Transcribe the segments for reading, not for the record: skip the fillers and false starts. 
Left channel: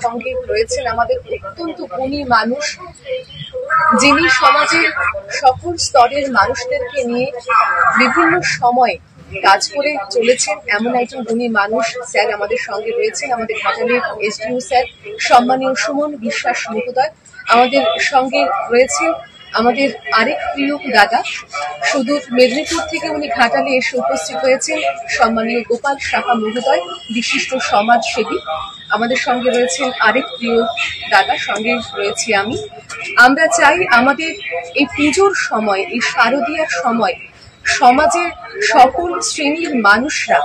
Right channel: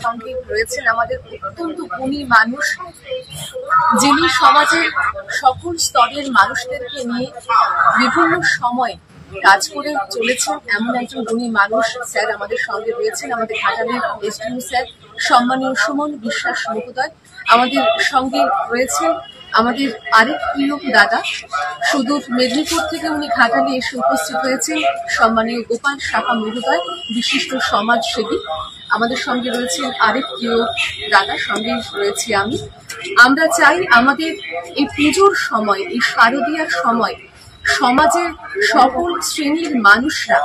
সঙ্গে রয়েছেন আমাদের অত্যন্ত গুণী মানুষ, যিনি সমাজের সকল স্তরের মানুষদেরকে নিয়ে বিভিন্ন সময় কাজ করে চলেছেন। এমন একজন গুণী মানুষ স্যার আমাদের সঙ্গে রয়েছেন, আমাদের ঘাটালের এসডিও স্যার সম্মানীয় সুমন বিশ্বাস মহোদয়। আমাদের সঙ্গে রয়েছেন আমাদের আরেক প্রিয় দাদা, সুদূর মেদিনীপুর থেকে উনি ঘাটালে এসে উপস্থিত হয়েছেন, সম্মানীয় গোপাল সাহা মহোদয়, বিশিষ্ট সমাজসেবী। আমাদের সঙ্গে রয়েছেন আরেক প্রিয় দাদা, সঙ্গে রয়েছি আমি। আমরা চাই আমাদের এই পুজোর সময়, এই শারদীয়ার সময় সমাজের সকল শ্রেণীর মানুষরা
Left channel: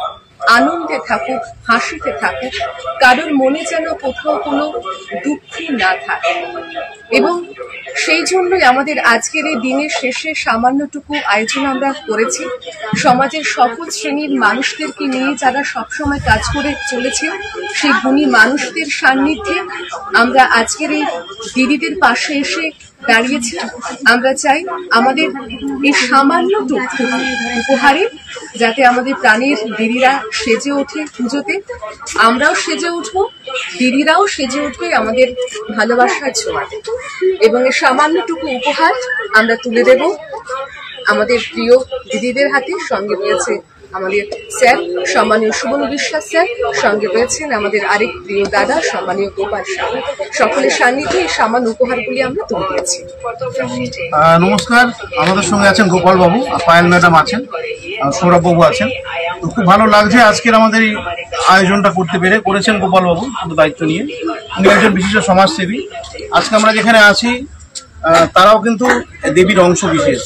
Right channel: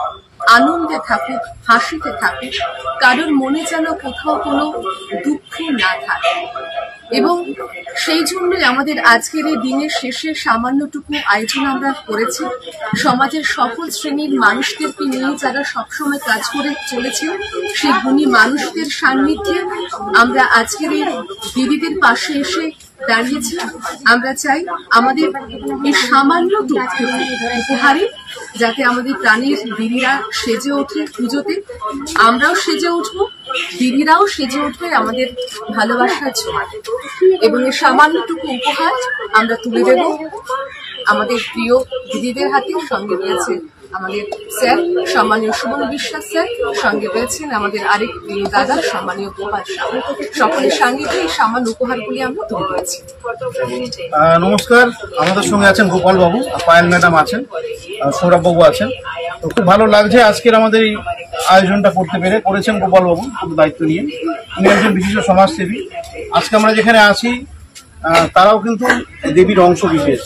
আনন্দে থাকুক, হাসিতে থাকুক, কারোর মনে যেন কোথাও কোনো দুঃখ না থাকে। এবং সেই জন্যই আমাদের আজকের এই দিনের শেষে সামান্যটুকু আয়োজন আমরা করেছি। সমাজের সকল শ্রেণীর মানুষদেরকে নিয়ে যারা সবসময় কাজ করে চলেছেন, সেই গুণী মানুষদের সান্নিধ্যে আমরা আজকের এই দিদিদের পাশে এসে দাঁড়িয়েছি। আমরা চাই আমাদের এই সামান্যটুকু উপহারে যাতে আমাদের প্রাণের দিদিরা সেজে ওঠে পুজোতে, আমরাও সেজে উঠবো, দিদিরাও সেজে উঠবে আমাদের ভালোবাসার ছোঁয়াতে। এবং এই সামান্যটুকু উপহার আমরা তুলে দেব আমাদের প্রিয় দিদিদের হাতে। সঙ্গে রয়েছে আমাদের স্যার সম্মানীয় সুমন বিশ্বাস স্যার, সঙ্গে রয়েছেন আমাদের আরেক প্রিয় দাদা সম্মানীয় গোপাল সাহা। সকলের সান্নিধ্যে এই সামান্য উপহারগুলি আমরা তুলে দিয়েছি। নমস্কার, আমাদের সঙ্গে আছেন গোপাল বাবু, পায়েল ম্যাডাম আছেন, সৌরভ বাবু আছেন। তো খুব ভালো লাগছে আজকের আমাদের এই আয়োজনটা করতে পেরে। করেছেন গোপাল বাবু পুরো দায়িত্ব নিয়ে, উনি একজন বিশিষ্ট সমাজসেবী। আজকে আমরা যেখানে আছি তারাও কিন্তু দেবীর অংশ বিশেষ।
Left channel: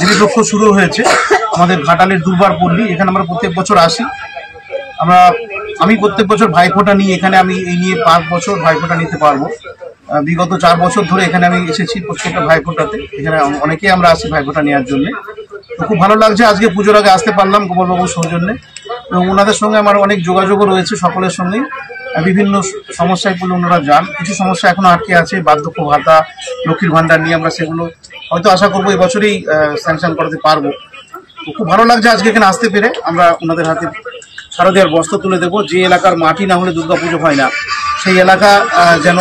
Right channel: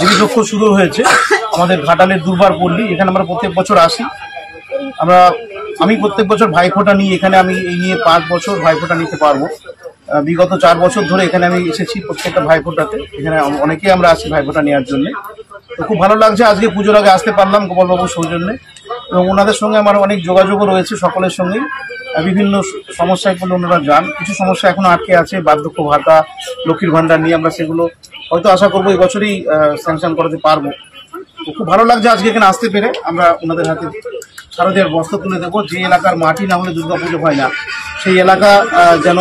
দেবীর লক্ষ শুরু হয়েছে আমাদের ঘাটালের দুর্বার পল্লী, এখানে আমরা প্রত্যেক বছর আসি। আমি প্রত্যেক বছর ভাইফোঁটা নিই এখানে, আমি এই নিয়ে 5 বছর ভাইফোঁটা নিতে পারবো। বিগত 4 বছর ধরে এখানে আমি এসেছি প্রত্যেকটা ভাইফোঁটাতে। এখানে অনেকেই আমরা আসি ভাইফোঁটা নেওয়ার জন্য। তো খুব ভালো লাগছে আজকে পুজোর আগে আসতে পারলাম গোপালবাবুর সৌজন্যে, এবং ওনাদের সঙ্গে আমার অনেক যোগাযোগও রয়েছে। সকলের সঙ্গেই বিভিন্ন সমস্যায় পড়লে ওনারা যান। কিছু সমস্যা এখনো আটকে আছে, বার্ধক্য ভাতা, লক্ষ্মীর ভান্ডার নিয়ে। আমরা সেগুলো হয়তো আশা করবো এবছরই স্যাংশন করাতে পারবো। তো খুব ভালো লাগছে আজকে এখানে আসতে পেরে। আমরা ওনাদের হাতে শারদীয়ার বস্ত্র তুলে দেবো। যে এলাকার মাটি না হলে দুর্গাপুজো হয় না, সেই এলাকা যেন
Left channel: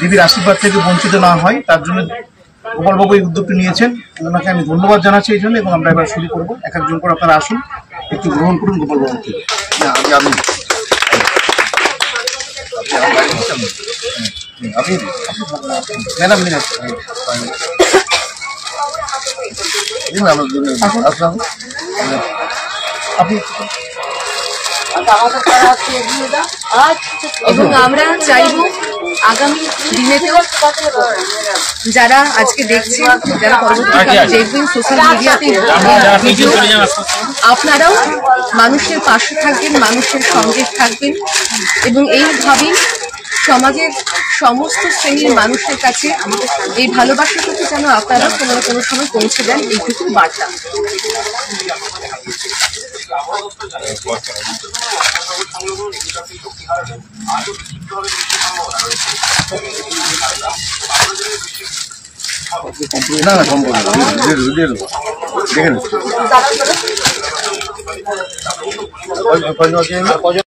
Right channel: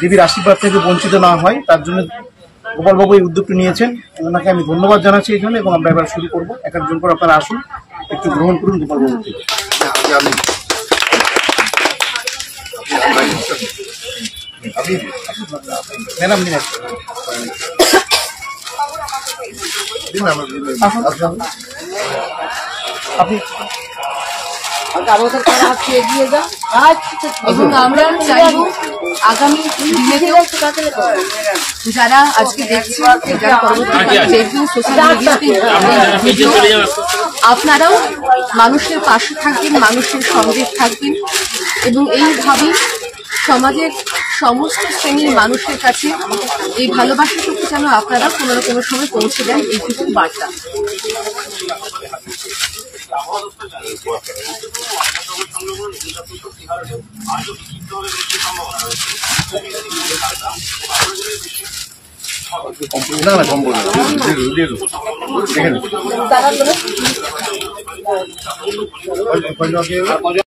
দেবীর আশীর্বাদ থেকে বঞ্চিত না হয়, তার জন্য গোপালবাবু এই উদ্যোগটি নিয়েছেন। ওনাকে আমি ধন্যবাদ জানাচ্ছি এই জন্য। এবং আমরা এবার শুরু করবো, এক একজন করে আপনারা আসুন, একটু গ্রহণ করুন গোপালবাবু থেকে। ম্যাডাম আপনি এবং আমরা চাইব আগামী দিনেতেও যারা আজকে দেখছেন, যারা পরবর্তীকালে দেখবেন সোশ্যাল মিডিয়াতে ভিডিও, আপনারাও মানুষের পাশে থাকবেন, মানুষের সঙ্গে থাকবেন, এবং এইভাবে সমাজের সমস্ত শ্রেণীর মানুষের কাছে এই ভালোবাসাটুকু যেন আপনারা কোনো সময় পৌঁছে দেন, এইটুকু বার্তা। না